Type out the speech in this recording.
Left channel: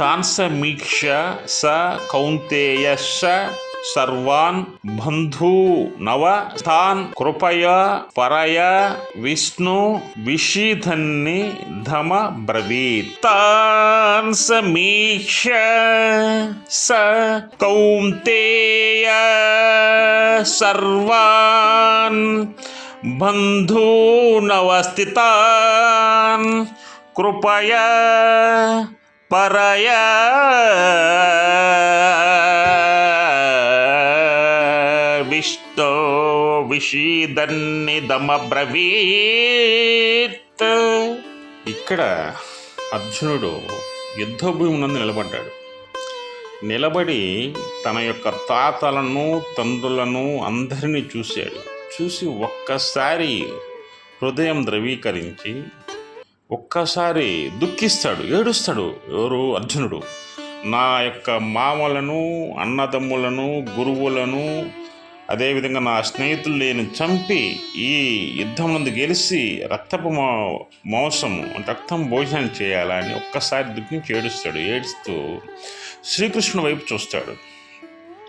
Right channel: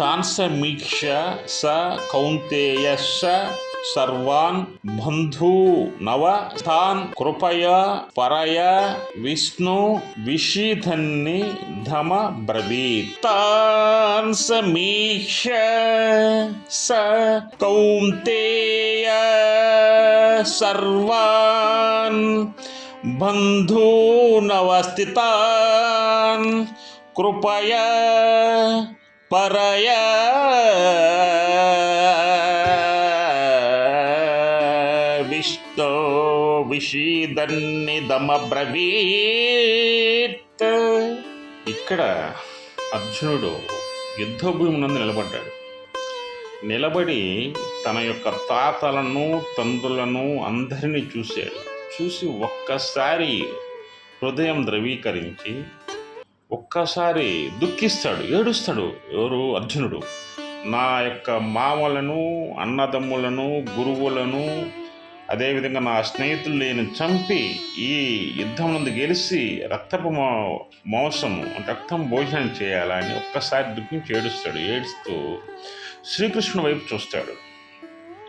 తాన్ సమీక్ష స కౌంతేయ సర్వాన్ బంధూ నవ తాన్ కృపయ పరయ విష్ణు విషీధన్ని ధమ బ్రవీత్. తాన్ సమీక్ష స కౌంతేయ సర్వాన్ బంధూనవస్థితాన్ కృపయా పరయా విష్ణు విషీదన్నిదమబ్రవీత్. ఇక్కడ అర్జునుడు యుద్ధభూమి నందు నిలబడ్డాడు. నిలబడి తన యొక్క తాతలను తండ్రులను అందరినీ చూసి ఒక్కసారి హృదయం ద్రవీకరించి ఒక్కసారి దుఃఖిస్తాడు, ఏడుస్తాడు. ఎవరు? అర్జునుడు. నా యొక్క మామలను, అన్నదమ్ములను, గురువులను, అదేవిధంగా నా స్నేహితులు నేను చంపి ఈ యుద్ధం ముందు గెలిచి రక్తపు మాంసం రక్తం భోజనం చేయాలని ఒక్కసారి దుఃఖించి ఏడుస్తాడు. ఏడుస్తూ శ్రీకృష్ణుని వైపు చూస్తాడు.